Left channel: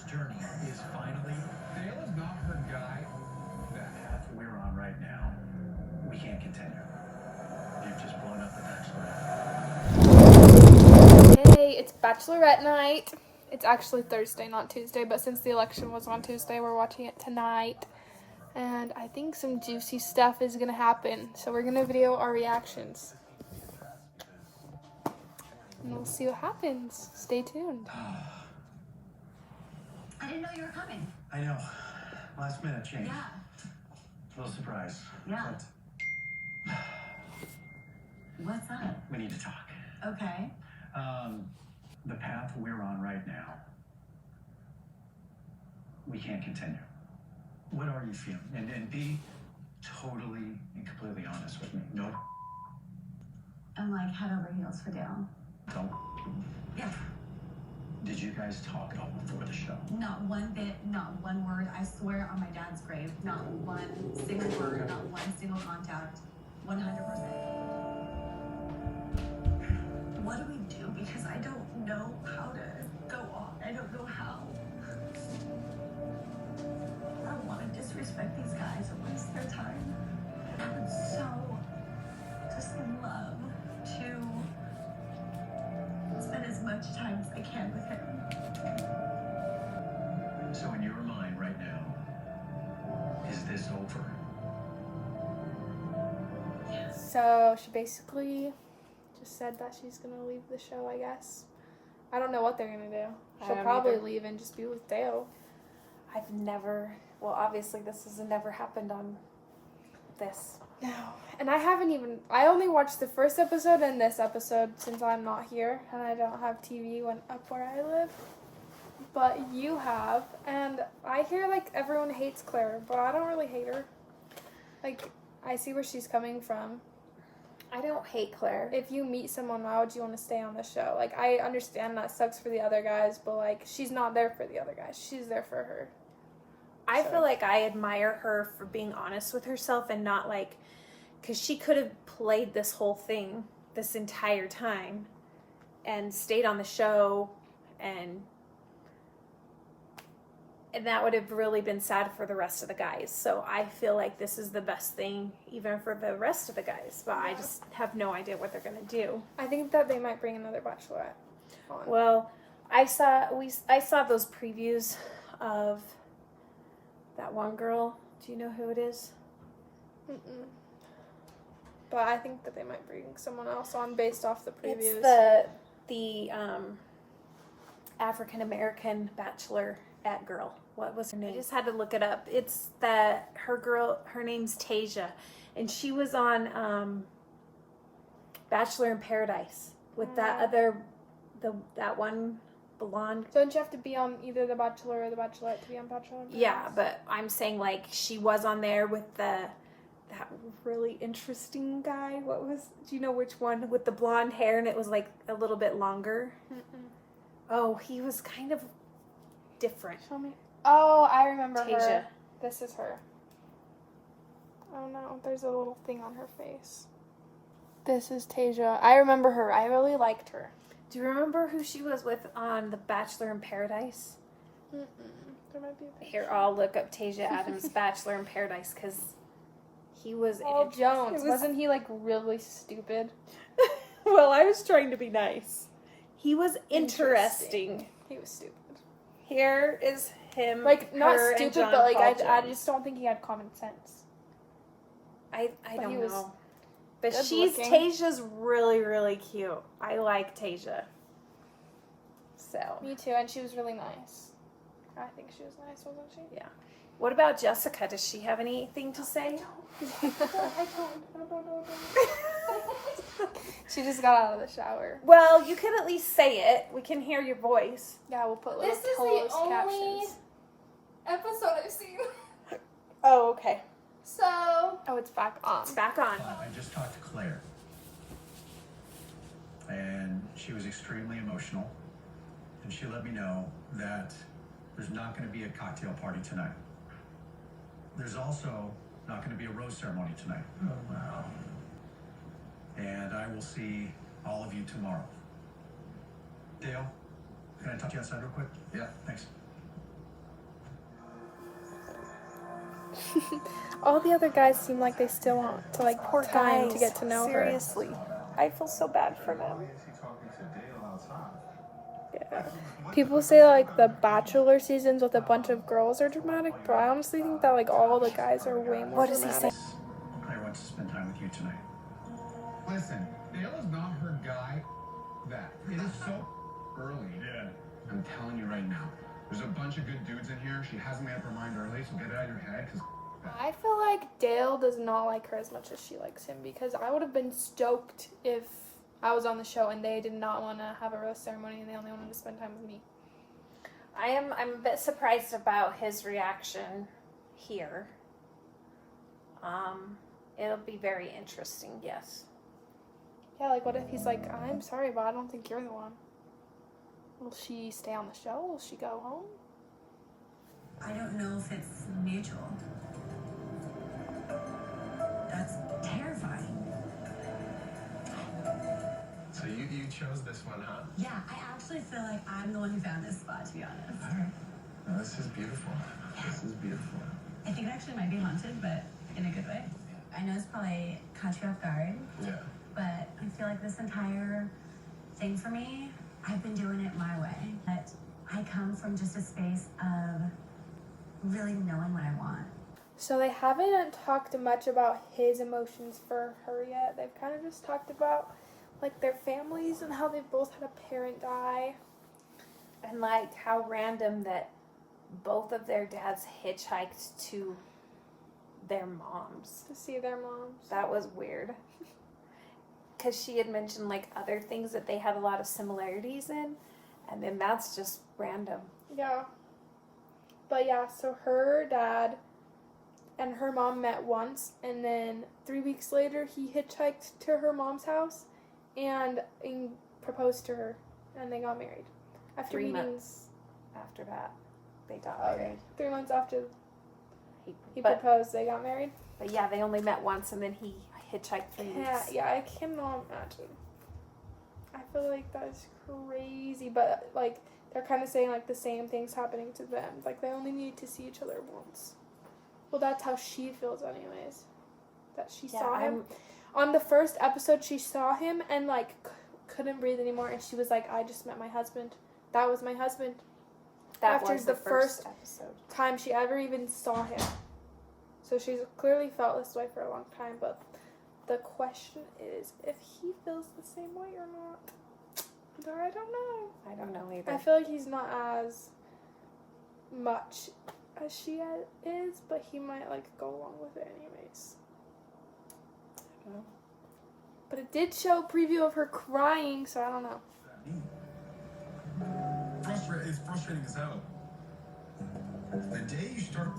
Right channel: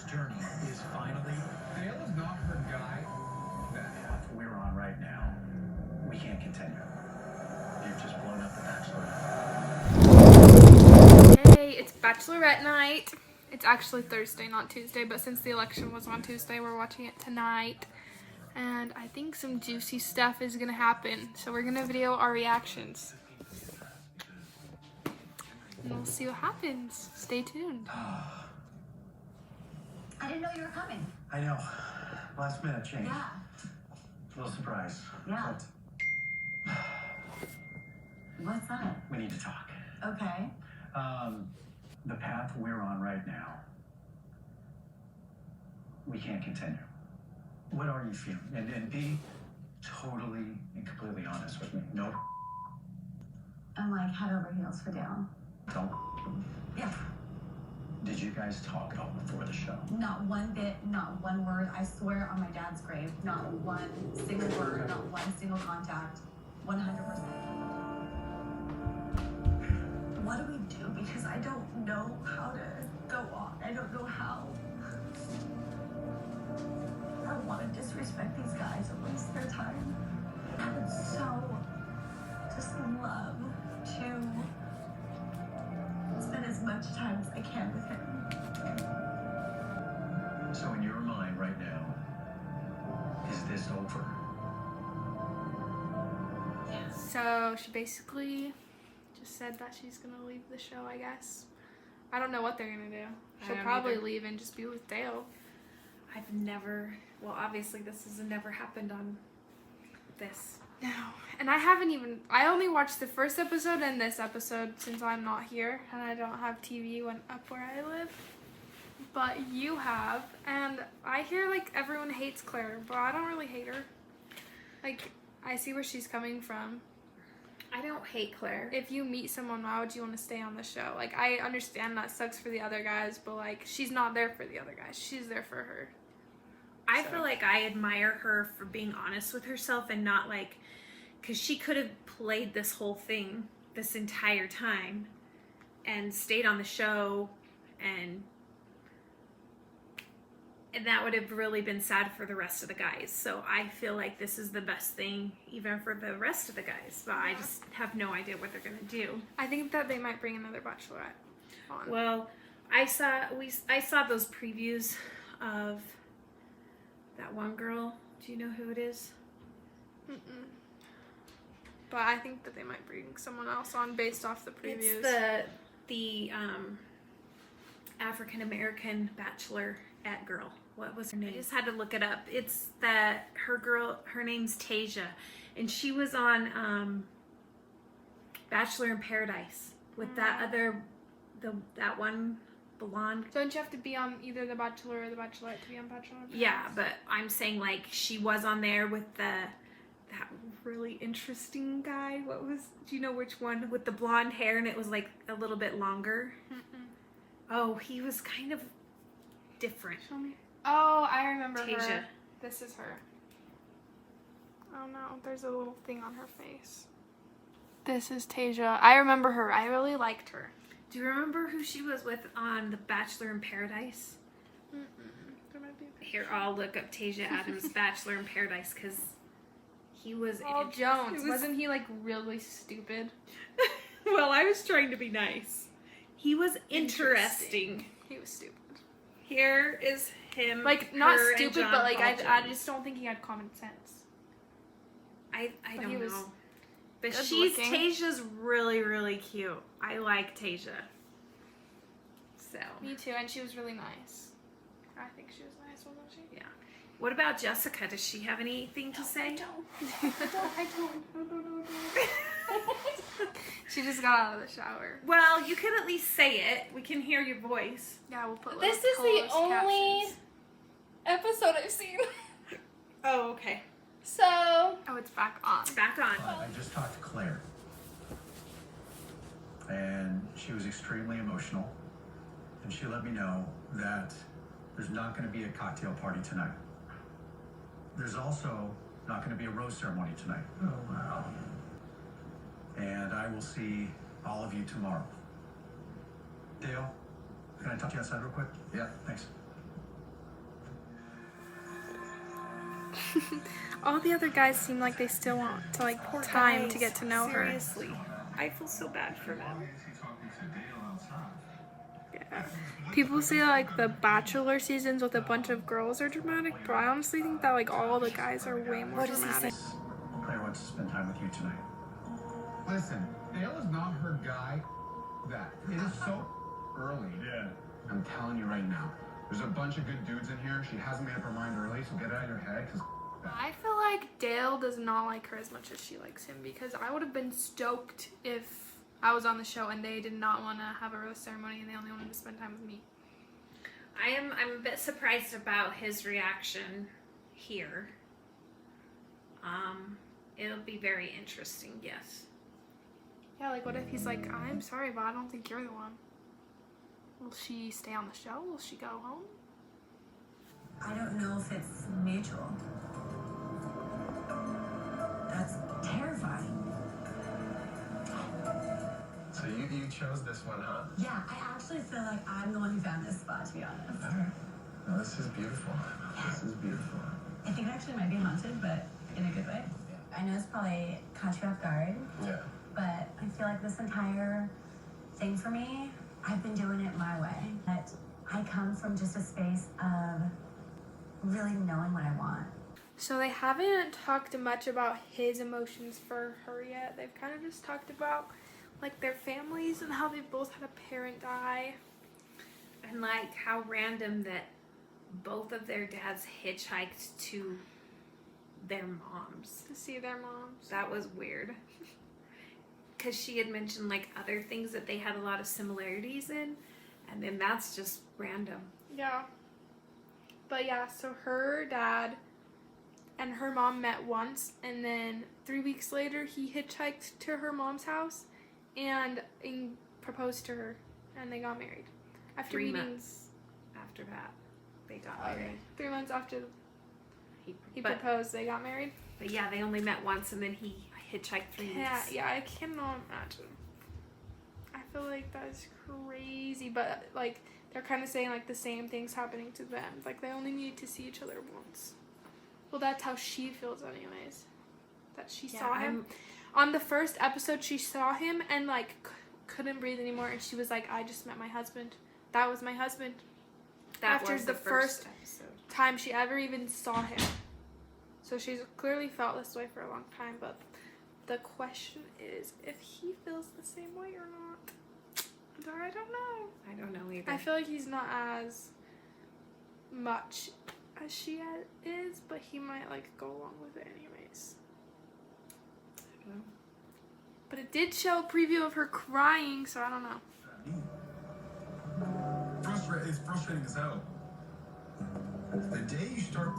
Claire's journey is finally... Dale is not her guy. The path we're on right now, we can't continue. You've just blown up the Bachelorette. Hey, it's Bachelorette night. It's actually Thursday, not Tuesday, but since the election was on Tuesday, we're watching it tonight. And I think some juicy stuff is gonna happen. So we're gonna video our reactions. And we'll see what happens. Stay tuned. I didn't know you were coming. I know. Last minute change. Yeah. A little surprise. Yeah. But What's that? we need to talk. Okay. The path we're on right now, we can't continue. What are you feeling? And be totally and completely honest with me. No, I'm like head over heels for Dale. don't. Yeah. Did you guys talk at all before the show? Not one bit, not one word. I swear on my dad's grave, not one single word, not one single contact. 100%. What do we do? Because I don't know how to go on. I don't know how. I don't want to disrespect these guys and waste their time. I would so just love to spend as much time as I can with him. So in your mind right now, is this over? So she basically just said that she's gonna leave the show, I guess. I don't know what they're gonna do. She'll probably leave and just be with Dale. I've never, well, obviously this has never happened on this. No. And I only watched the first episode and this episode since I'm not here and I don't have TV up where I live. But you have, and I hear like everyone hates Claire, but I don't really hate her. Like, I see where she's coming from. I don't hate Claire. If you meet someone, why would you want to stay on the show? Like, I understand that sucks for the other guys, but like, she's not there for the other guys. She's there for her. I feel like I admire her for being honest with herself and not like, because she could have played this whole thing this entire time and stayed on the show, and that would have really been sad for the rest of the guys. So I feel like this is the best thing even for the rest of the guys, but I just have no idea what they're gonna do. I think that they might bring another Bachelorette on. Well, I saw those previews of that one girl. Do you know who it is? Mm-mm. But I think that they might bring someone else on based off the previews. It's the African American Bachelorette girl. What was her name? I just had to look it up. It's her name's Tasia, and she was on Bachelor in Paradise with that one blonde. Don't you have to be on either The Bachelor or The Bachelorette to be on Bachelor? Yeah, but I'm saying like she was on there with that really interesting guy. Do you know which one? With the blonde hair and it was like a little bit longer. Mm-mm. Oh, he was kind of different. Show me. Oh, I remember Tasia. her. This is her. Oh no, there's a little thing on her face. This is Tasia. I remember her. I really liked her. Do you remember who she was with on The Bachelor in Paradise? Mm-mm. There might be a picture. Here, I'll look up Tasia Adams' Bachelor in Paradise because he was... Paul Jones. Wasn't he like really stupid? Well, I was trying to be nice. He was interesting. He was stupid. Here is him. Like, not her, and stupid, John but like, Paul I Jones. just don't think he had common sense. I But don't he was know. But good she's looking. Tasia's really, really cute. I like Tasia. So, Me too, and she was really nice. I think she was nice, wasn't she? yeah. What about Jessica? Does she have anything to say? I don't. She just got out of the shower. Well, you can at least say it. We can hear your voice. Yeah, we'll put This little is the closed only captions. episode I've seen. Oh, okay. So, Oh, it's back on. It's back on. I just talked to Claire, and she was extremely emotional, and she let me know that there's not going to be a cocktail party tonight. There's also not going to be a rose ceremony tonight. Oh, wow. And I will see all of you tomorrow. Dale, can I talk to you outside real quick? Yeah, thanks. All the other guys seem like they still want to like Poor time guys. to get to know her. Seriously. I feel so bad for them. Yeah. People say like the Bachelor seasons with a bunch of girls are dramatic, but I honestly think that like all the guys are way more What does he dramatic. say? Claire wants to spend time with you tonight. Listen, Dale is not her guy. That it is so early. Yeah. I'm telling you right now. There's a bunch of good dudes in here. She hasn't made up her mind early, so get it out of your head. I feel like Dale does not like her as much as she likes him, because I would have been stoked if I was on the show and they did not want to have a rose ceremony and they only wanted to spend time with me. I'm a bit surprised about his reaction here. It'll be very interesting, yes. Yeah, like what if he's like, I'm sorry, but I don't think you're the one. Will she stay on the show? Will she go home? I don't know if it's mutual. That's terrifying. So you chose this one, huh? Yeah, I actually feel like I'm the one who found this spot, to be honest. All right. Well, this is beautiful. This is beautiful. I think it actually might be haunted, but in a good way. I know it's probably caught you off guard, Yeah. but I feel like this entire thing for me, I've been doing it my way. That I come from just a space of really knowing what I want. So they haven't talked much about his emotions for her yet. They've kind of just talked about like their families and how they've both had a parent die. And like how random that both of their dads hitchhiked to their moms. To see their moms. That was weird. Because she had mentioned like other things that they had a lot of similarities in. And then that's just random. Yeah. But yeah, so her dad and her mom met once, and then 3 weeks later he hitchhiked to her mom's house and proposed to her, and they got married. After 3 meetings. months after that, they got Okay. married. 3 months after he but, proposed, they got married. but yeah, they only met once, and then he hitchhiked 3 weeks. Yeah, I cannot imagine. I feel like that is crazy, but like they're kind of saying like the same things happening to them. Like they only need to see each other once. Well, that's how she feels, anyways. That she saw him on the first episode. She saw him and like couldn't breathe anymore, and she was like, "I just met my husband. That was my husband." That After was the the first first episode. time she ever even saw him. So she's clearly felt this way for a long time, but the question is if he feels the same way or not. I don't know. I don't know either. I feel like he's not as much as she is, but he might like go along with it anyways. I don't know. But it did show a preview of her crying, so I don't know. It's frustrating as hell. The day you start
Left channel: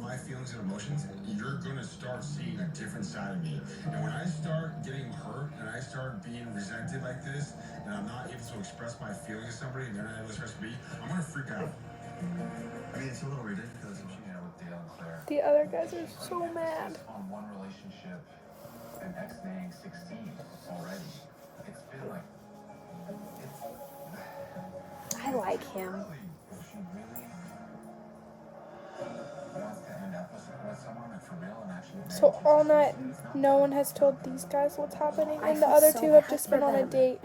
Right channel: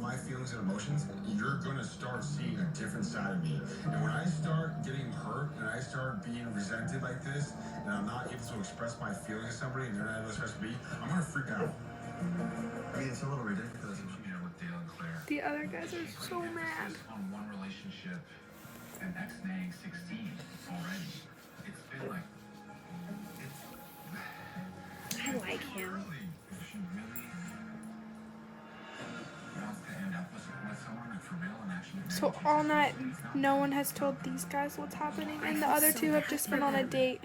my feelings and emotions, you're gonna start seeing a different side of me. And when I start getting hurt and I start being resented like this, and I'm not able to express my feelings to somebody and they're not able to express me, I'm gonna freak out. I mean, it's a little ridiculous. You know, with Dale and Claire. The other guys are so mad. On one relationship, and ex-dating 16 already. It's been like, I like him. if she really wants to end up with someone like for real and actually. So all night, no one has told these guys what's happening, I and the feel other so two have bad just for been on a them. date.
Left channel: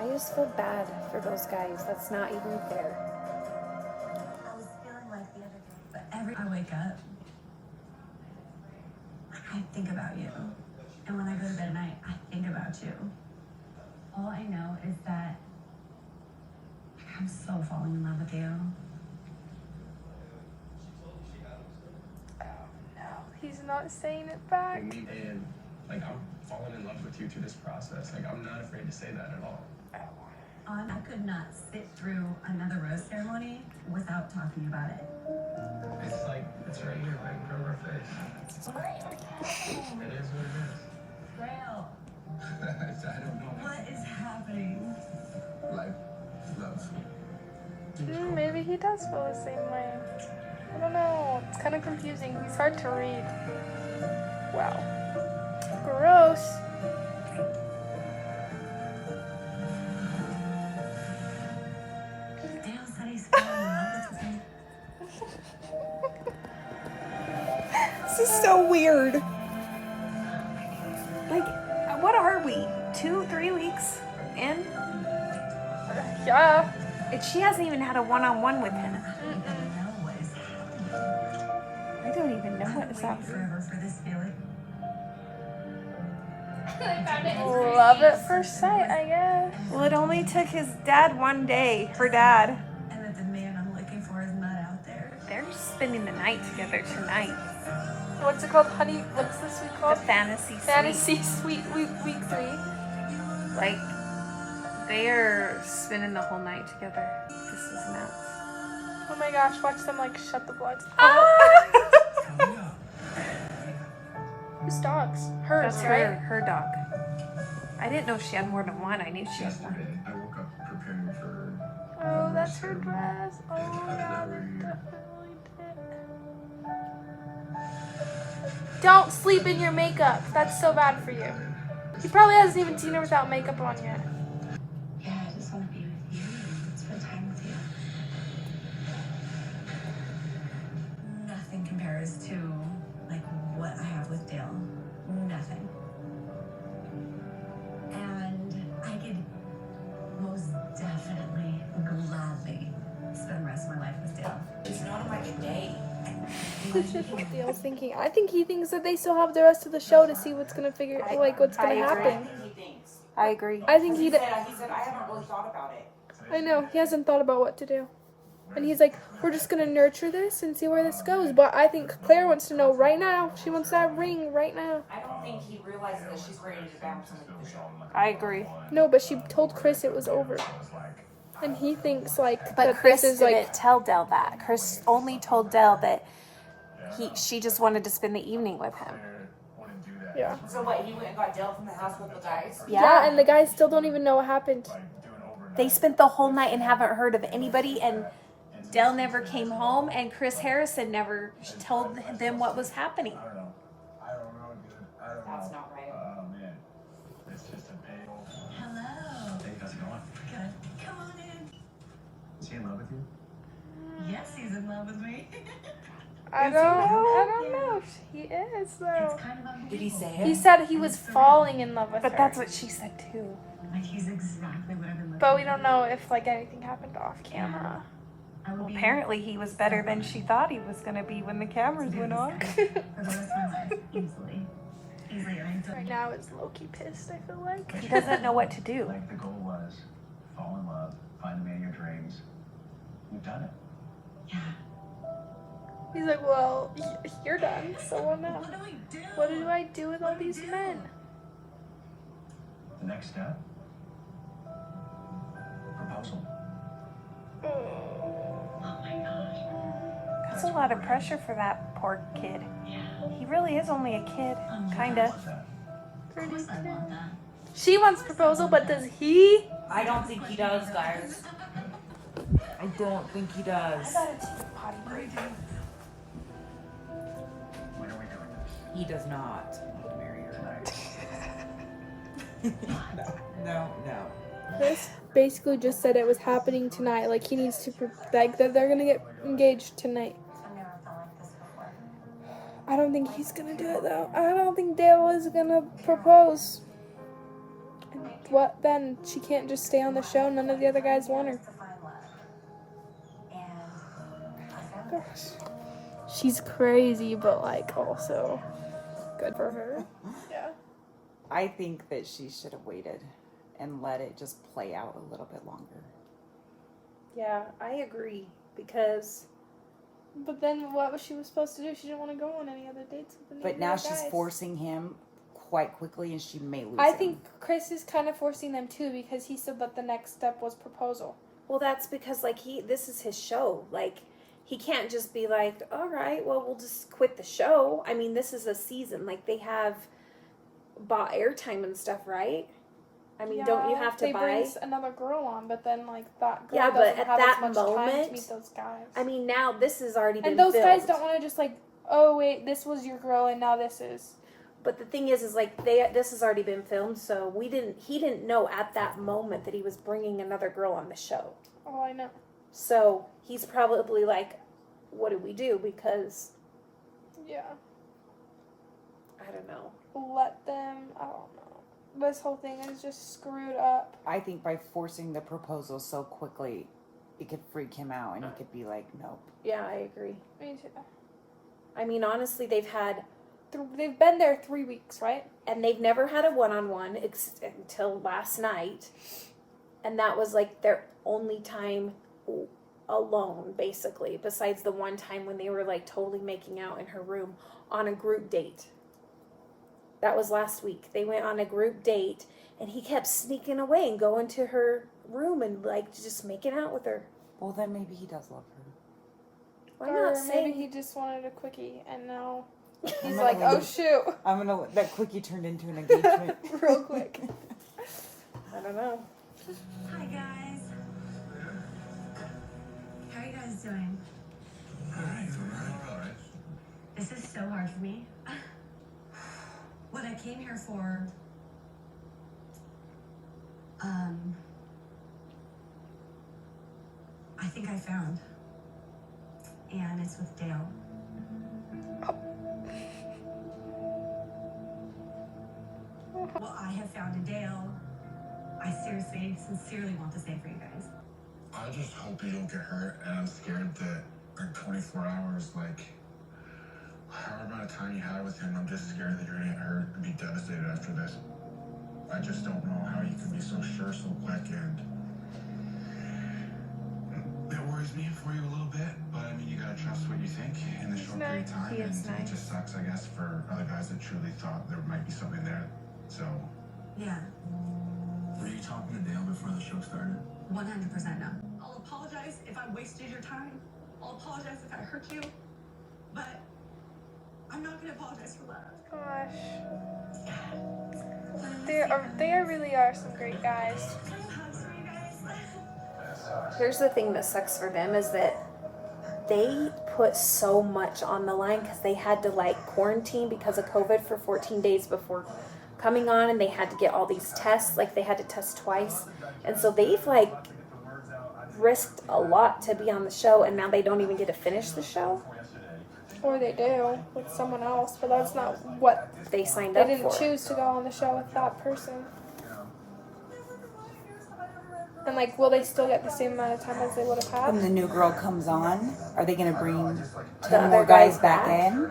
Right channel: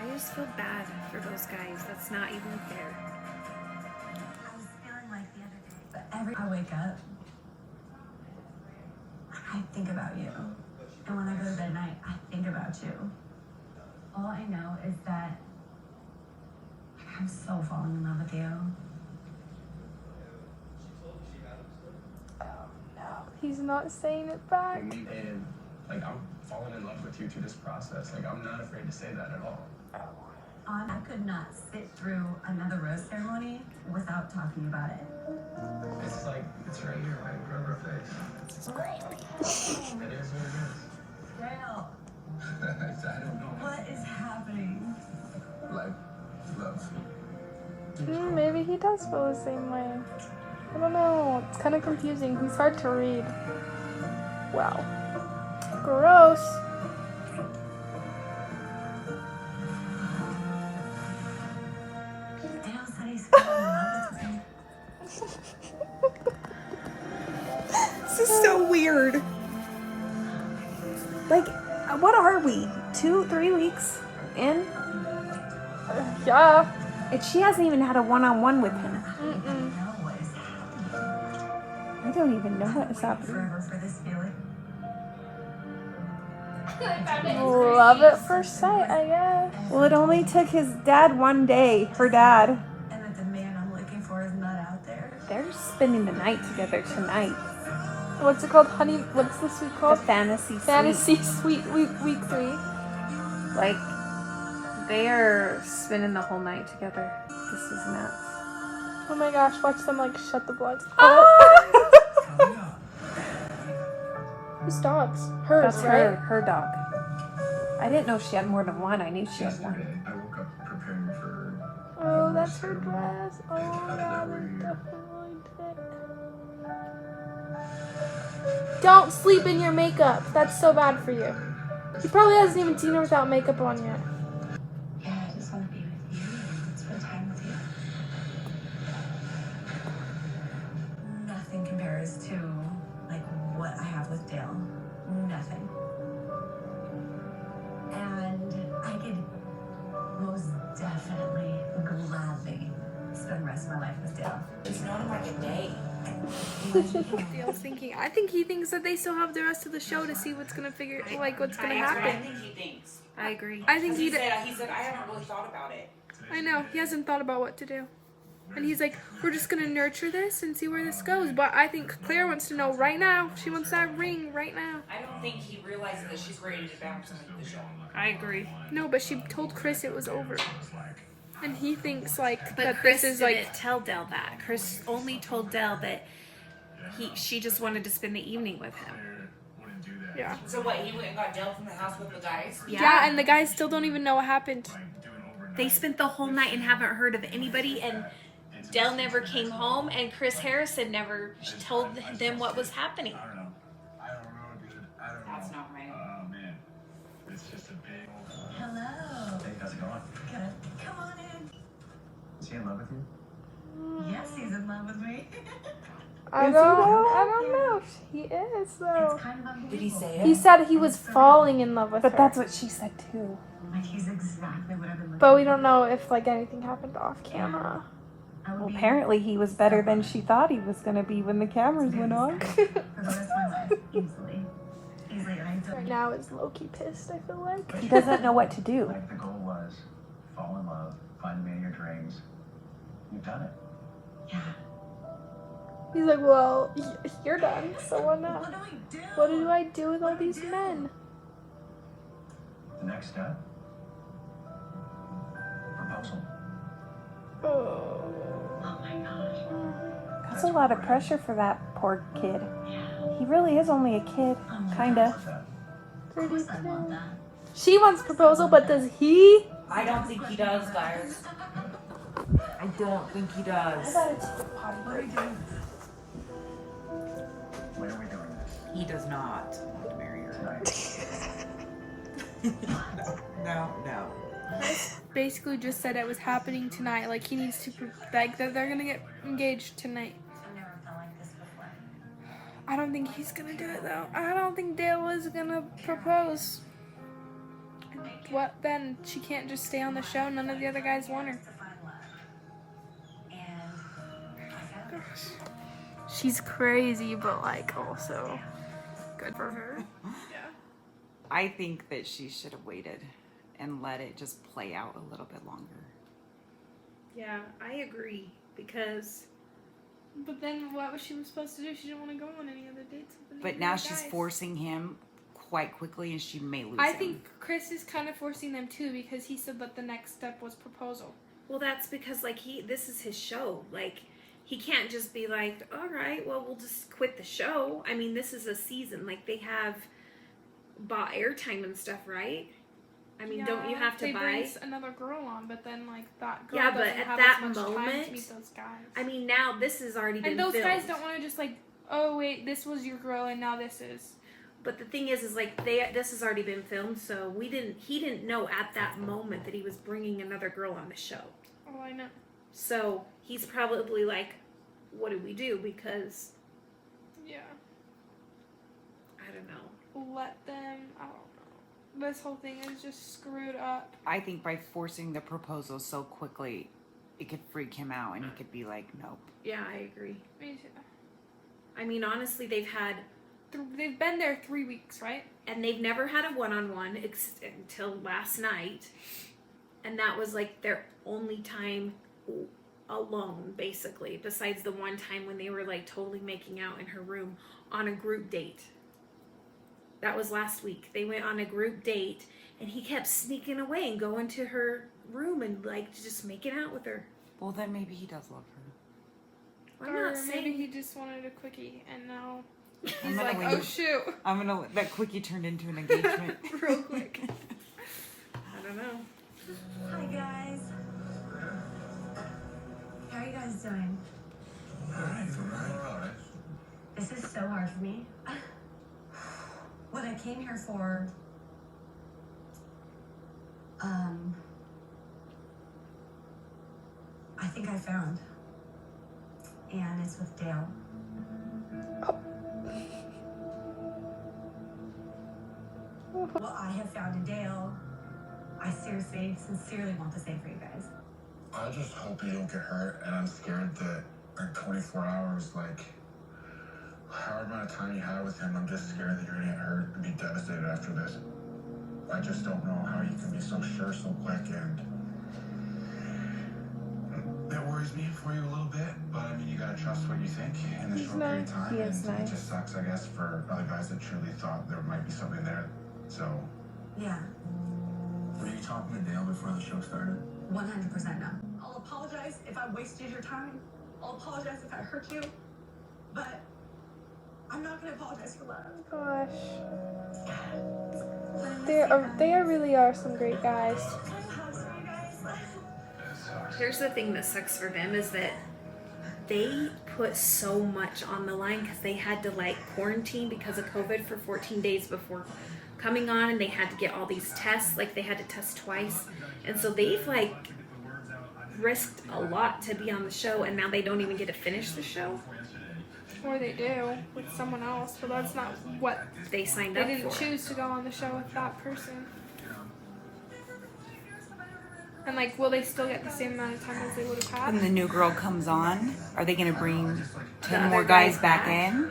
I just feel bad for those guys. That's not even fair. I was feeling like the other day, but every I wake up, I think about you. And when I go to bed at night, I think about you. All I know is that I'm so falling in love with you. He's not saying it back. And like, I'm falling in love with you through this process. Like, I'm not afraid to say that at all. I could not sit through another rose ceremony without talking about it. It's like, it's right here, right in front of our face. It is what it is. Grail, I don't know. what is happening? Like, love. Maybe he does feel the same way. I don't know. It's kind of confusing. He's hard to read. Wow. Gross. Dale said he's falling in love with me. so weird. Like, what are we? 2-3 weeks in? Yeah. And she hasn't even had a one-on-one with him. I don't even know what was happening. Forever for this feeling. Love at first sight, I guess. Well, it only took his dad one day, her dad. And that the man I'm looking for is not out there. They're spending the night together tonight. What's it called, honey? What's this week The called? fantasy suite. Fantasy Suite week 3. Like, they're spending the whole night together. This is nuts. Oh my gosh, watch them like shut the blinds. Coming up. Whose dogs? Hers, That's right? her dog. I didn't know she had more than one. I knew she had one. Yesterday, I woke up preparing for Oh, that's her dress. Don't sleep in your makeup. That's so bad for you. He probably hasn't even seen her without makeup on yet. Yeah, I just want to be with you and spend time with you. Nothing compares to like what I have with Dale. Nothing. And I could most definitely gladly spend the rest of my life with Dale. It's not like a day. Dale's thinking. I think he thinks that they still have the rest of the show to see what's gonna what's gonna I happen. think he thinks. I agree. I think He said, I haven't really thought about it. I know, he hasn't thought about what to do. And he's like, we're just gonna nurture this and see where this goes. But I think Claire wants to know right now. She wants that ring right now. I don't think he realizes that she's ready to bounce him into the show. I agree. No, but she told Chris it was over. And he thinks like But that Chris this is didn't like tell Dell that. Chris only told Dell that she just wanted to spend the evening with him. yeah. So what, he went and got Dale from the house with the guys? Yeah, and the guys still don't even know what happened. They spent the whole night and haven't heard of anybody, and Dell never came home, and Chris Harrison never told them what was happening. I don't know, dude. I don't know. That's not right. Oh, man. It's just a big old... Hello. Hey, how's it going? Good. Come on in. Is he in love with you? Yes, he's in love with me. I don't know. He is though. It's kind of unbelievable. Did he say He it? said he was falling in love with her. But that's what she said too. Like he's exactly what I've been looking But we for. don't know if like anything happened off camera. I would be Apparently, he was better than she thought he was going to be when the cameras went on. for the rest of my life, easily. Easily, and I feel Right now it's low-key pissed, I feel like. He doesn't know what to do. Like the goal was fall in love, find the man of your dreams. You've done it. yeah. He's like, well, you're done, so what now? What do I do? What do I do with all these men? The next step? Proposal. Oh my gosh. That's a lot of pressure for that poor kid. Yeah. He really is only a kid, kinda. What's that? Of course I want that. She wants proposal, but does he? I don't think he does, guys. I don't think he does. What do we do? When are we doing this? He does not want to marry her. Tonight. No. Chris basically just said it was happening tonight. Like he needs to, like that they're gonna get engaged tonight. I've never felt like this before. I don't think he's gonna do it though. I don't think Dale is gonna propose. And what then? She can't just stay on the show. None of the other guys want her. To find love. And I found Gosh. She's crazy, but like also good for her. Yeah. I think that she should have waited and let it just play out a little bit longer. Yeah, I agree. Because But then what was she supposed to do? She didn't want to go on any other dates with any But of now the she's guys. forcing him quite quickly and she may lose I him. think Chris is kind of forcing them too because he said that the next step was proposal. well, that's because like this is his show. Like he can't just be like, all right, well, we'll just quit the show. I mean, this is a season. Like they have bought airtime and stuff, right? I mean, don't you have to they buy? bring another girl on, but then like that girl Yeah, but doesn't at have that as much time to moment- meet those guys. I mean, now this has already been and those guys filmed. don't want to just like, oh wait, this was your girl and now this is. But the thing is like this has already been filmed, so he didn't know at that moment that he was bringing another girl on the show. Oh, I know. So he's probably like, what do we do? Because Yeah. I don't know. let them. I don't know. This whole thing is just screwed up. I think by forcing the proposal so quickly, it could freak him out and he could be like, nope. Yeah, I agree. Me too. I mean, honestly, they've been there 3 weeks, right? and they've never had a one-on-one until last night, and that was like their only time alone, basically, besides the one time when they were like totally making out in her room on a group date. That was last week. They went on a group date, and he kept sneaking away and going to her room and like just making out with her. Well, then maybe he does love her. I'm Or not maybe saying he just wanted a quickie, and now I'm he's gonna like, leave. oh shoot, That quickie turned into an engagement. real quick. I don't know. Hi guys. How are you guys doing? Alright. This is so hard for me. What I came here for, I think I found. And it's with Dale. What I have found in Dale, I seriously, sincerely want the same for you guys. I just hope you don't get hurt, and I'm scared that in 24 hours, like, however amount of time you had with him, I'm just scared that you're gonna get hurt and be devastated after this. I just don't know how you can be so sure so quick, and it worries me for you a little bit, but I mean, you gotta trust what you think in a short period of time, He and is it nice. just sucks, I guess, for other guys that truly thought there might be something there. So, Yeah, Were you talking to Dale before the show started? 100% no. I'll apologize if I wasted your time. I'll apologize if I hurt you. But I'm not gonna apologize for love. Gosh, they really are some great guys. Here's the thing that sucks for them is that they put so much on the line because they had to like quarantine because of COVID for 14 days before coming on, and they had to get all these tests. Like they had to test twice, and so they've like risked a lot to be on the show, and now they don't even get to finish the show. Or they do with someone else, but that's not what They signed they up didn't for. choose to go on the show with that person. And like, will they still get the same amount of time as they would have When had? the new girl comes on, are they going to bring 10 other more guys guys back back? in?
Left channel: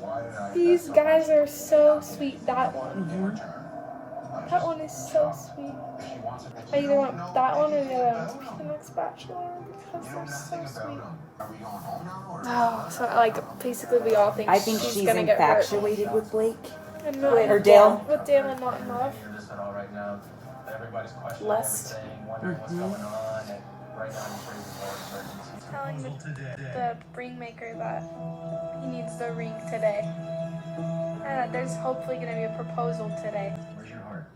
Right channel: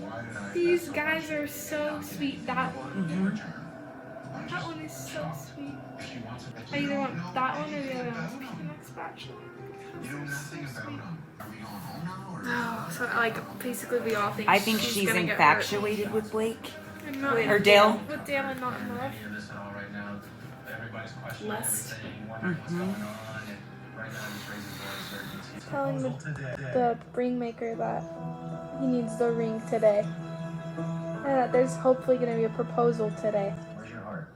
why did I... These guys are so sweet. That one. That one is so sweet. I either want that one or the other one to be the next Bachelor because they're so sweet. Oh, so like basically we all think I think she's gonna get hurt. infatuated with Blake. And not Or Dale. with Dale and not in love. Lust. Telling the ring maker that he needs the ring today. And that there's hopefully going to be a proposal today. Where's your heart?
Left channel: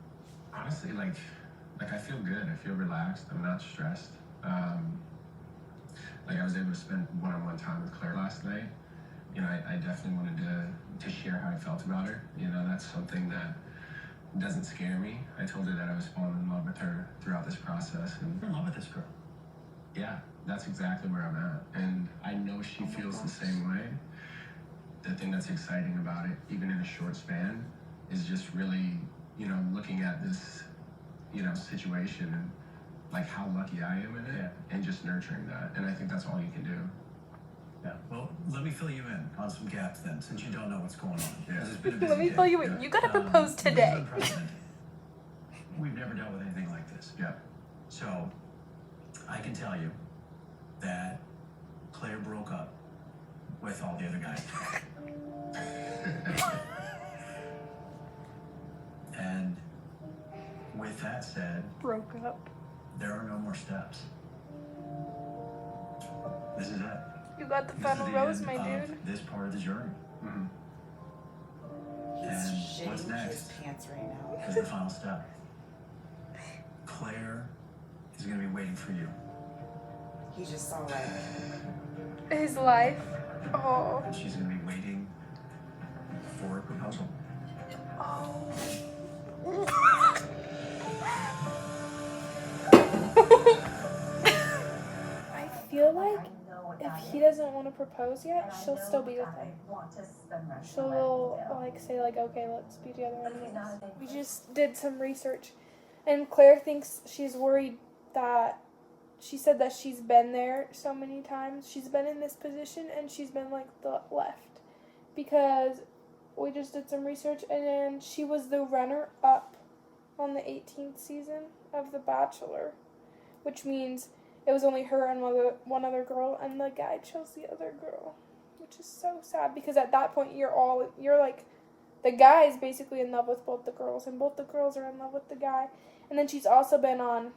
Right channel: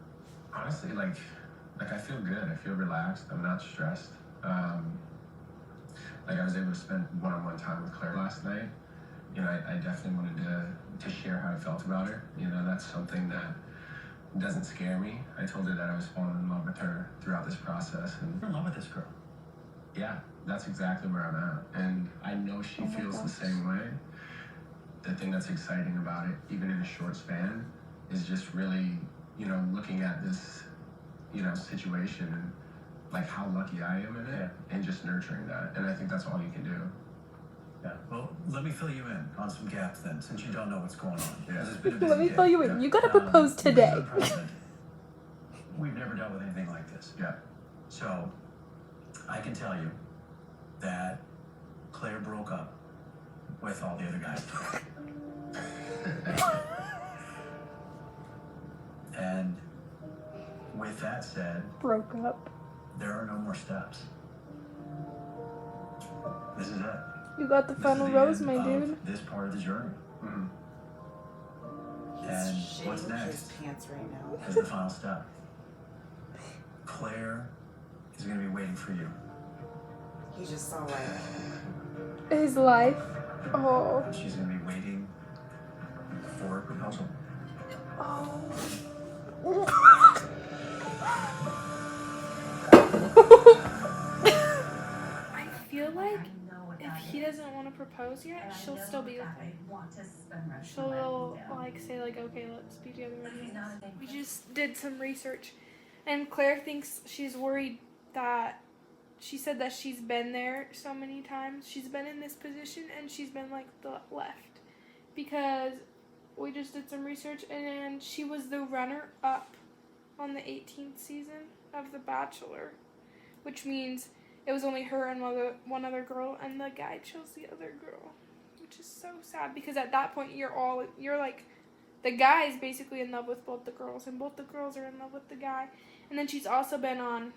Honestly, like I feel good. I feel relaxed. I'm not stressed. Like I was able to spend one-on-one time with Claire last night. You know, I definitely wanted to share how I felt about her. You know, that's something that doesn't scare me. I told her that I was falling in love with her throughout this process, and I'm in love with this girl. Yeah, that's exactly where I'm at, and I know she feels the same way. The thing that's exciting about it, even in a short span, is just really, you know, looking at this, you know, situation and like how lucky I am in it, and just nurturing that. And I think that's all you can do. Yeah. Well, let me fill you in on some gaps then, since you don't know what's going on. Yeah. It's been a busy Let me day. fill you in. You gotta propose today. This is unprecedented. We've never dealt with anything like this. Yeah. So, I can tell you that Claire broke up with all the other guys. And with that said, Broke up. there are no more steps. This is it. You got the This is final the rose, end my of dude. this part of the journey. And what's next His pants right now. is the final step. Claire is going to be waiting for you. He just saw like His life. Oh. She's going to be waiting for a proposal. I feel like if he doesn't want to propose yet, she'll still be with him. She'll like say like, okay, let's be together anyways. We just did some research, and Claire thinks she's worried that she said that she's been there so many times. She's been in this position and she's been like the left, because we just did some research and she was the runner up on the 18th season of The Bachelor, which means it was only her and one other girl, and the guy chose the other girl, which is so sad, because at that point you're like, the guy is basically in love with both the girls, and both the girls are in love with the guy. And then she's also been on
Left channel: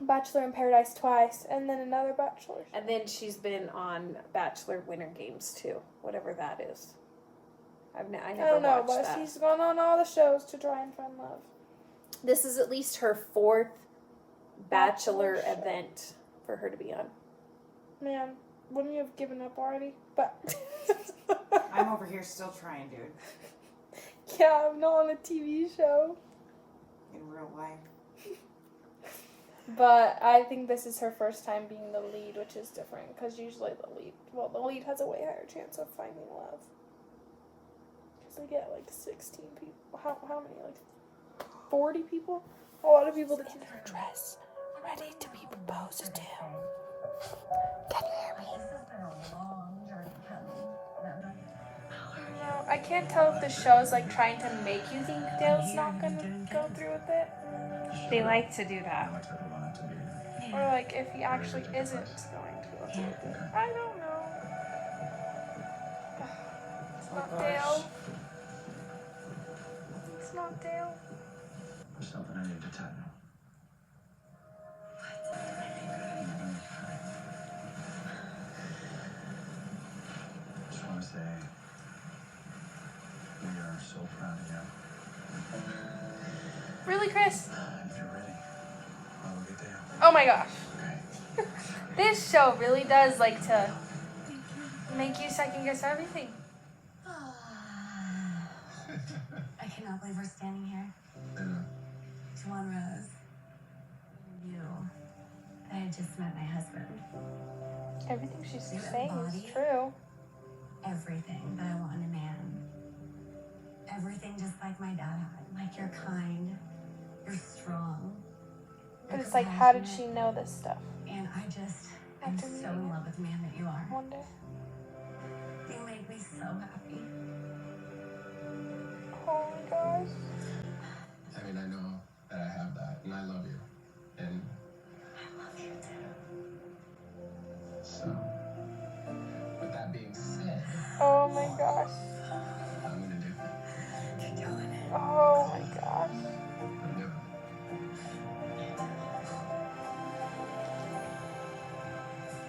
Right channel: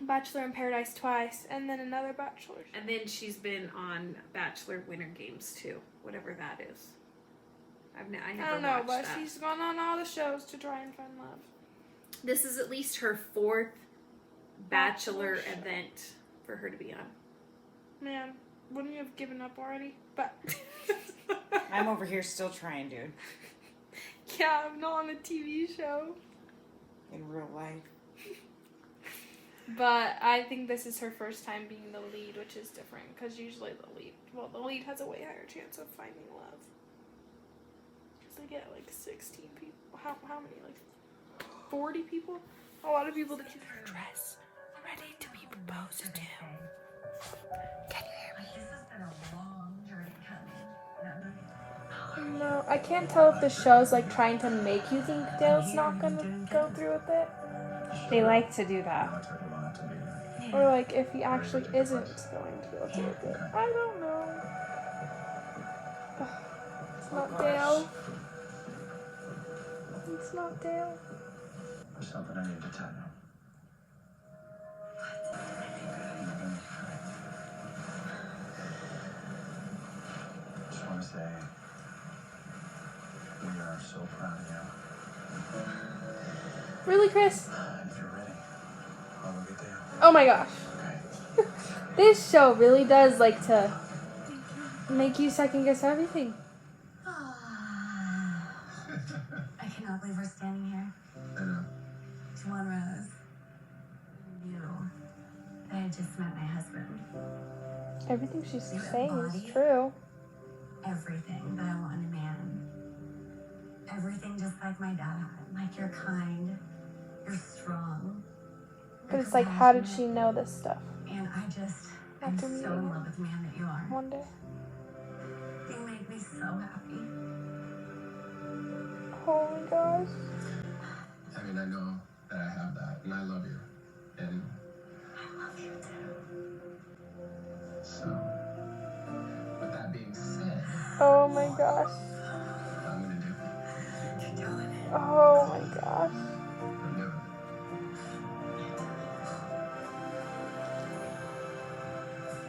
Bachelor in Paradise twice, and then another Bachelor. And then she's been on Bachelor Winter Games too, whatever that is. I never don't know, watched but that. she's gone on all the shows to try and find love. This is at least her 4th Bachelor Bachelor show. event for her to be on. Man, wouldn't you have given up already? But I'm over here still trying, dude. yeah, I'm not on a TV show. In real life. But I think this is her first time being the lead, which is different, because usually the lead has a way higher chance of finding love. Because they get like 16 people. How many? Like 40 people? A lot of people to keep their dress ready to be proposed to. Can you hear me? This has been a long journey coming. No, I can't tell if the show's like trying to make you think Dale's not gonna go through with it, They like to do that. Not everyone had to be. or like if he actually isn't going to go through with it. I don't know. It's not Dale. It's not Dale. There's something I need to tell you. Just want to say we are so proud of you. Really, Chris? If you're ready, I'll look at Dale. Oh my gosh. Okay. This show really does like to make you second guess everything. I cannot believe we're standing here. I know. It's one rose. You. I just met my husband. Everything she's saying is true. Everything that I want in a man. Everything just like my dad. Like you're kind. You're strong. But it's like, how did she know this stuff? And I'm so in love with the man that you are. Wonder. You made me so happy. Oh my gosh. I mean, I know that I have that, and I love you. And I love you too. so, with that being said, Oh my gosh. I'm gonna do it. You're doing it. Oh my gosh. I'm doing it.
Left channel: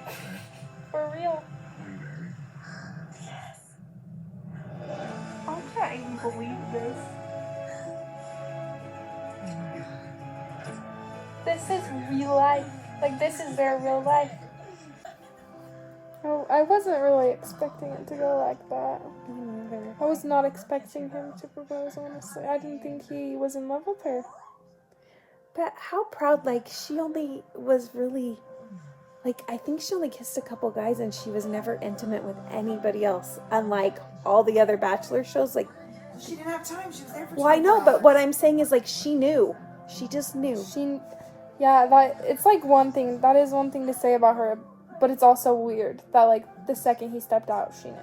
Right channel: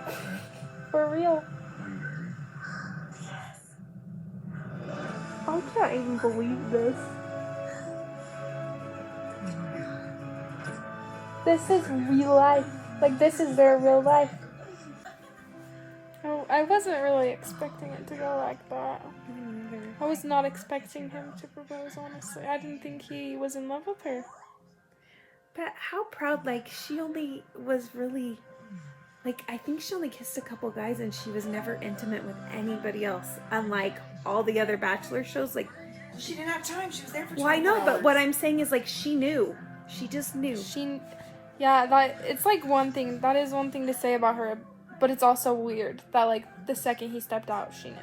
Okay. For real. Are you ready? Yes. I can't even believe this. This is real life. Like, this is their real life. Oh, I wasn't really expecting it to go like that. I was not expecting him to propose, honestly. I didn't think he was in love with her. But how proud, like, she only was really, like, I think she only kissed a couple guys and she was never intimate with anybody else. Unlike all the other Bachelor shows, like, She didn't have time. She was there for well, I know, 24 but hours. what I'm saying is, like, she knew. She just knew. Yeah, that it's like one thing. That is one thing to say about her, but it's also weird that like the second he stepped out, she knew.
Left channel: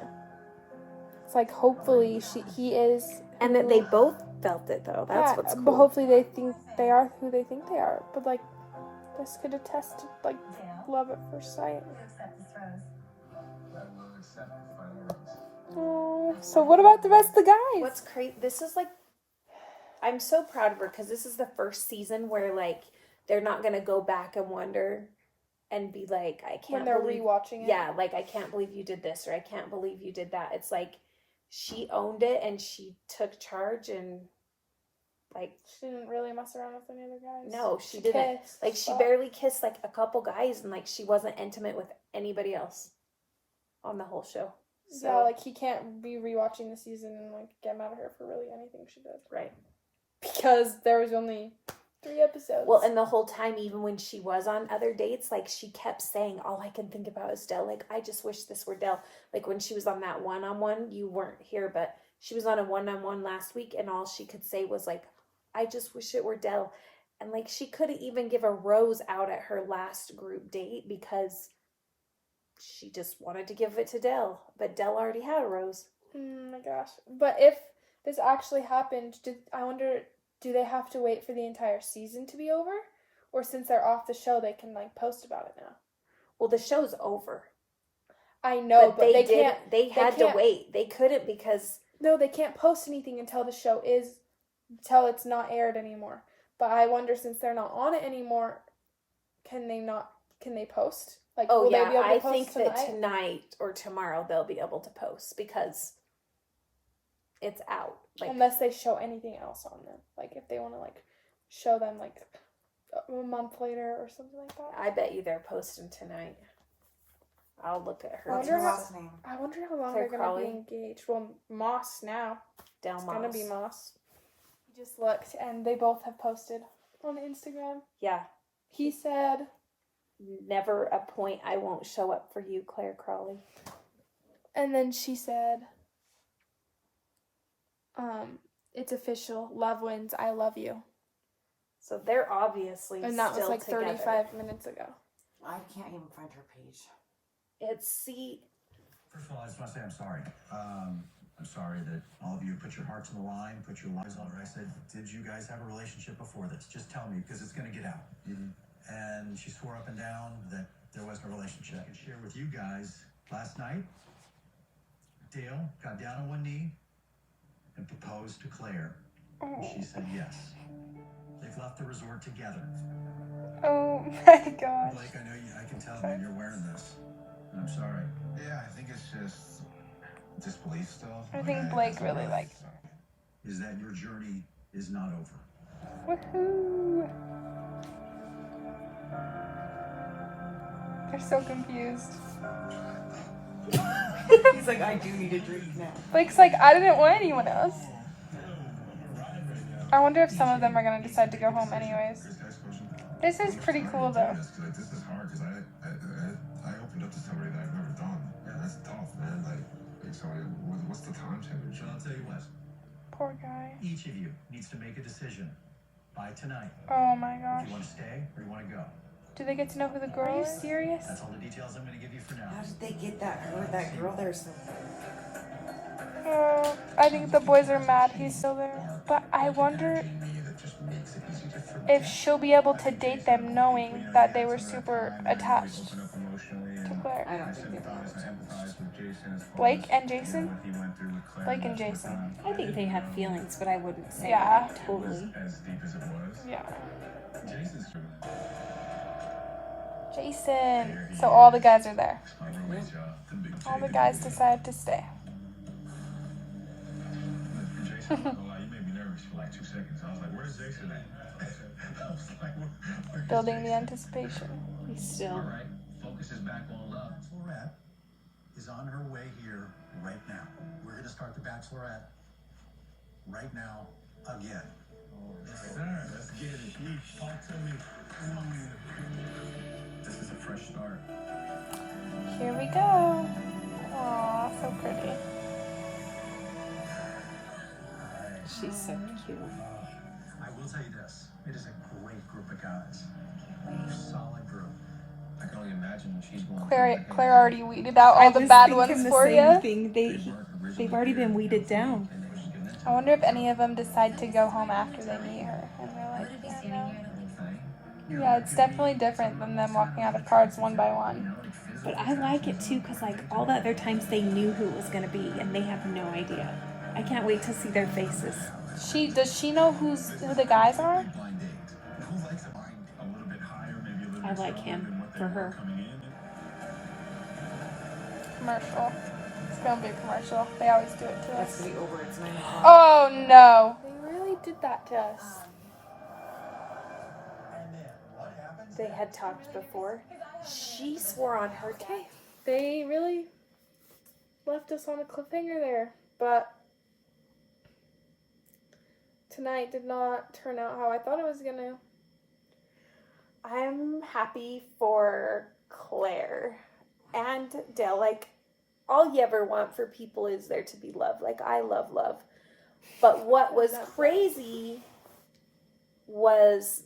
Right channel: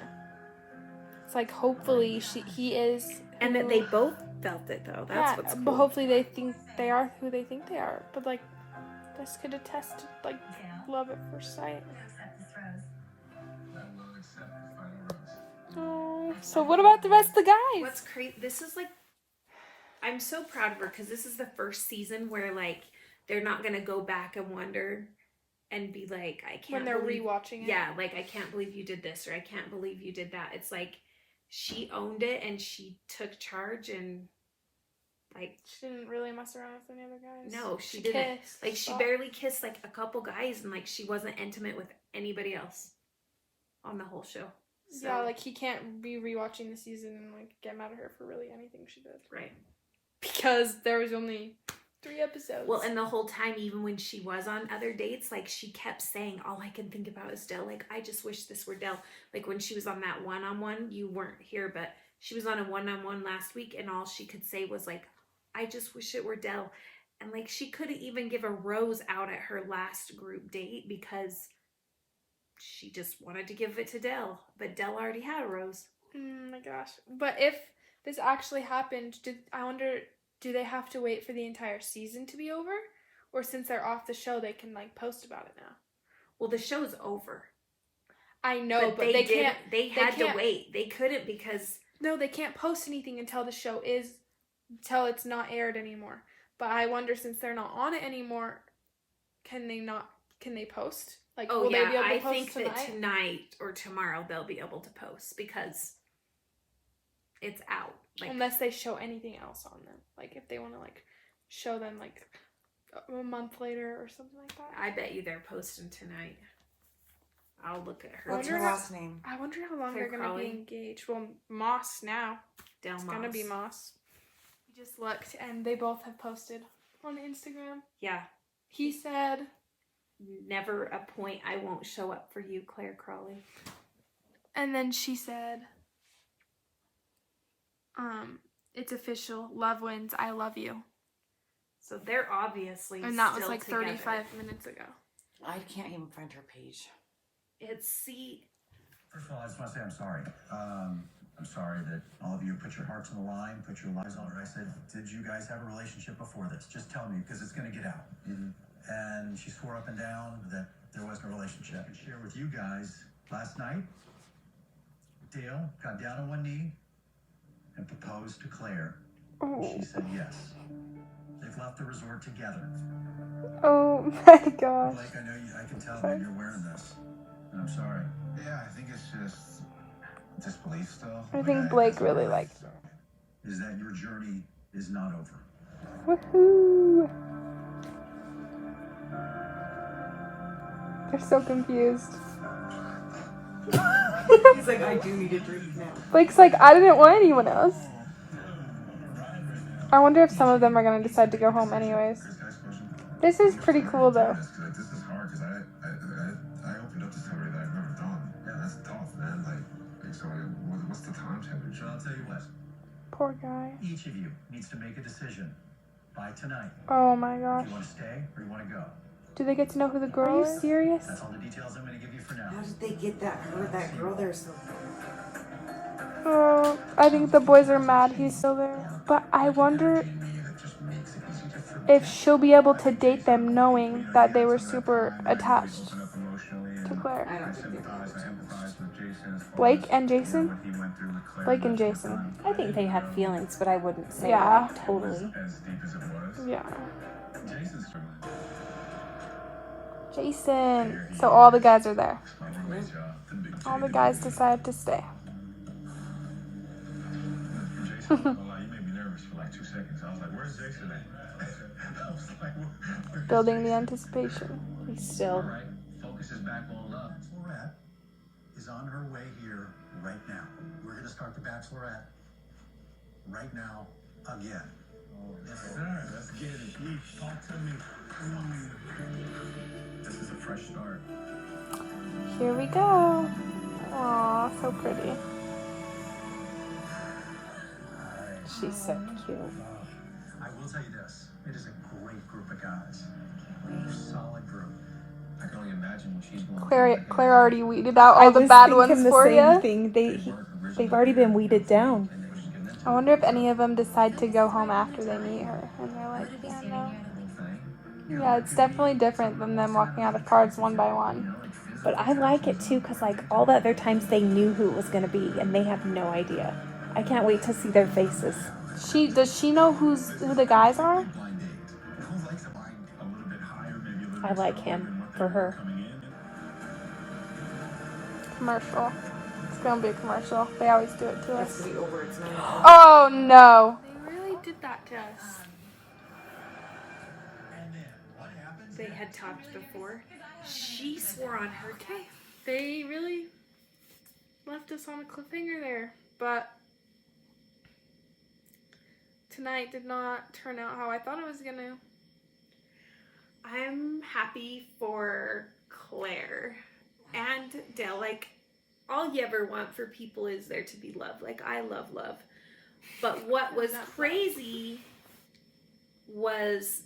It's like hopefully he is, And that they both felt it, though. That's what's cool. But hopefully they think they are who they think they are. But like, this could attest to like love at first sight. You accept this rose. I will accept the final rose. Oh, so what about the rest of the guys? What's crazy, this is like, I'm so proud of her because this is the first season where, like, they're not going to go back and wonder and be like, I can't when they're believe, rewatching it? yeah, like, I can't believe you did this or I can't believe you did that. It's like, she owned it and she took charge and, like, She didn't really mess around with any other guys. no, she didn't. kissed, Like, she but- barely kissed, like, a couple guys and, like, she wasn't intimate with anybody else on the whole show. So, Yeah, like he can't be rewatching the season and like get mad at her for really anything she did. right. Because there was only 3 episodes. Well, and the whole time, even when she was on other dates, like she kept saying, all I can think about is Dell. Like, I just wish this were Dell. Like when she was on that one-on-one, you weren't here, but she was on a one-on-one last week, and all she could say was like, I just wish it were Dell. And like she couldn't even give a rose out at her last group date because she just wanted to give it to Dell. But Dell already had a rose. Oh my gosh. But if this actually happened, I wonder, do they have to wait for the entire season to be over? Or since they're off the show, they can like post about it now? Well, the show's over. I know, but they didn't. can't. They had to can't- wait. They couldn't because No, they can't post anything until until it's not aired anymore. But I wonder, since they're not on it anymore, can they post? Like, oh will yeah, they be able to I post think tonight? that tonight or tomorrow they'll be able to post because it's out. Like Unless they show anything else on them. Like, if they want to, like, show them, like, a month later or something like that. I bet you they're posting tonight. I'll look at her. What's wonder her how- last name? I wonder how long Claire they're going to be Crawley? engaged. Well, Moss now. Del It's Moss. going to be Moss. I just looked, and they both have posted on Instagram. Yeah. He said, Never a point I won't show up for you, Claire Crawley. and then she said, it's official. Love wins. I love you. So they're obviously And that was still like together. 35 minutes ago. I can't even find her page. It's see. First of all, I just want to say I'm sorry. I'm sorry that all of you put your hearts on the line, put your lives on it. I said, did you guys have a relationship before this? Just tell me, because it's going to get out. And she swore up and down that there wasn't a relationship. I can share with you guys, last night, Theo got down on one knee and proposed to Claire. And she said yes. They've left the resort together. Oh my gosh. Blake, I know I can tell that you're wearing this. And I'm sorry. Yeah, I think it's just disbelief still. I think Blake that's really what it likes Is that your journey is not over. Woohoo! They're so confused. He's like, I do need a drink now. Blake's like, I didn't want anyone else. I wonder if some of them are going to decide to go home anyways. This is pretty cool though. This is hard because I opened up to somebody that I've never done. Yeah, that's tough, man. Like so what's the timetable? So I'll tell you what. Poor guy. Each of you needs to make a decision by tonight. Oh my If gosh. you want to stay or you want to go. Do they get to know who the girl is? Are you serious? That's all the details I'm going to give you for now. How did they get that girl there so Oh, I think the boys are mad he's still there. But I wonder if she'll be able to date them knowing that they were super attached to Claire. Blake and Jason? Blake and Jason. I think they have feelings, but I wouldn't say Yeah. that totally. As deep as it was. Yeah. Jason's Jason. So all the guys are there. my roommate's job. The big All the guys decide to stay. And Jason, I'm not gonna lie, you made me nervous for like 2 seconds. I was like, where's Jason at? I was like, where's Building the Jason? anticipation. Still. All right, focus is back on love. Bachelorette is on her way here right now. We're going to start the Bachelorette right now again. Yes, sir. Let's get it. You talk to me. This is a fresh start. Here we go. Aw, so pretty. She's so cute. I will tell you this. It is a great group of guys. Solid group. I can only imagine when she's going Claire already weeded out all the bad ones for you. thing. They've already been weeded down. I wonder if any of them decide to go home after they meet her. I wouldn't be standing here. Yeah, it's definitely different than them walking out of cars one by one. But I like it too because like all the other times they knew who it was going to be and they have no idea. I can't wait to see their faces. Does she know who the guys are? Blind date. Who likes a blind a little bit higher, maybe a little I bit like stronger him than what they for were her. coming in? Commercial. It's gonna be a commercial. They always do it to It's us. gonna be over. It's 9 o'clock. Oh no! They really did that to us. They had talked before. She swore on her dad. They really left us on a cliffhanger there. But tonight did not turn out how I thought it was gonna. I'm happy for Claire and Dale. Like, all you ever want for people is there to be love. Like, I love love. But what was crazy was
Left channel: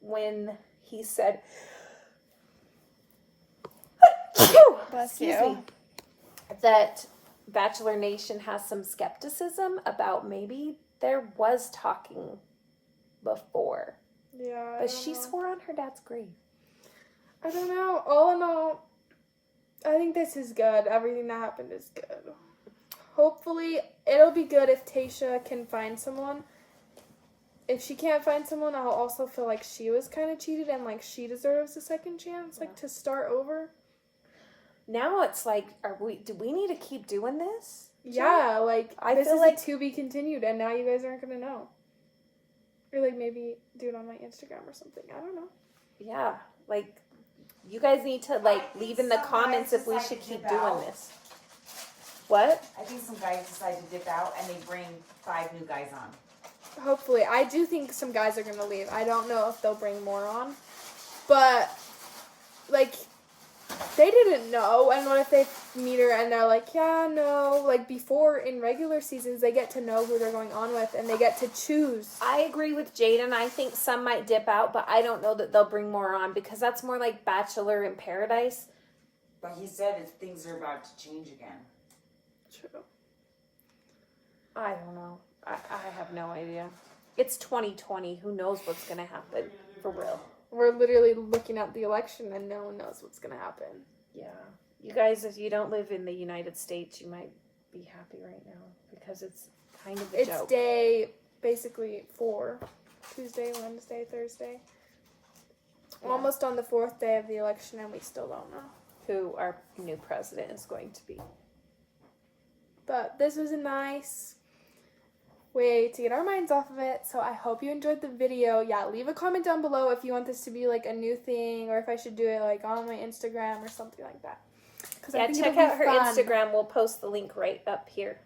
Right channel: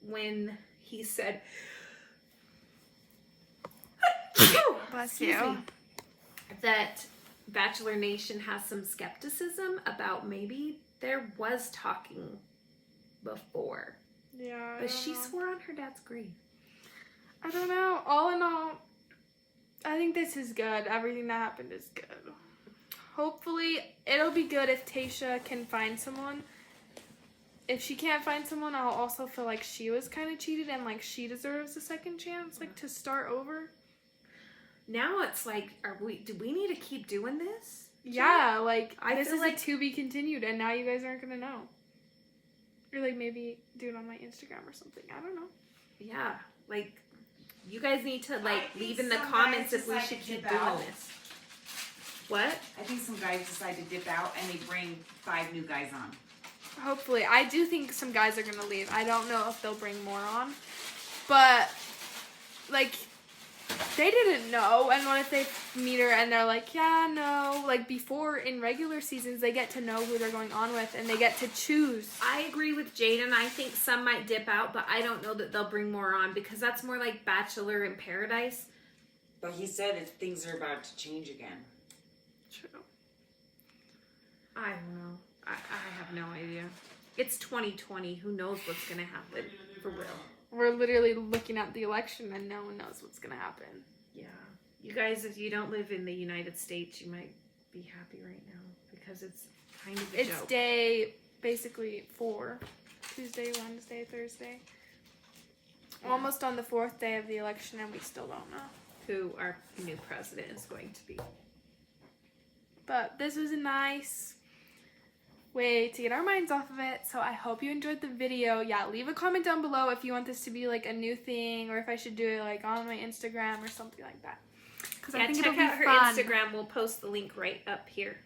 when he said, Bless excuse you. me, that Bachelor Nation has some skepticism about maybe there was talking before. Yeah. But she swore on her dad's grave. I don't know. All in all, I think this is good. Everything that happened is good. Hopefully, it'll be good if Tayshia can find someone. If she can't find someone, I'll also feel like she was kind of cheated and like she deserves a second chance, like to start over. Now it's like, do we need to keep doing this? Yeah, like this feel is like a to be continued, and now you guys aren't gonna know. Or like maybe do it on my Instagram or something. I don't know. Yeah, like you guys need to like leave in the comments if we should keep doing this. What? I think some guys decide to dip out and they bring 5 new guys on. Hopefully. I do think some guys are going to leave. I don't know if they'll bring more on. But, like, they didn't know. And what if they meet her and they're like, yeah, no. Like, before, in regular seasons, they get to know who they're going on with. And they get to choose. I agree with Jaidyn. I think some might dip out, but I don't know that they'll bring more on. Because that's more like Bachelor in Paradise. But he said that things are about to change again. True. I don't know. I have no idea. It's 2020. Who knows what's going to happen? For real. We're literally looking at the election and no one knows what's going to happen. Yeah. You guys, if you don't live in the United States, you might be happy right now. Because it's kind of a joke. It's day, basically, 4. Tuesday, Wednesday, Thursday. Yeah. Almost on the 4th day of the election and we still don't know. Who our new president is going to be. But this was a nice way to get our minds off of it. So I hope you enjoyed the video. Yeah, leave a comment down below if you want this to be like a new thing or if I should do it like on my Instagram or something like that. Yeah, check out her Instagram. We'll post the link right up here.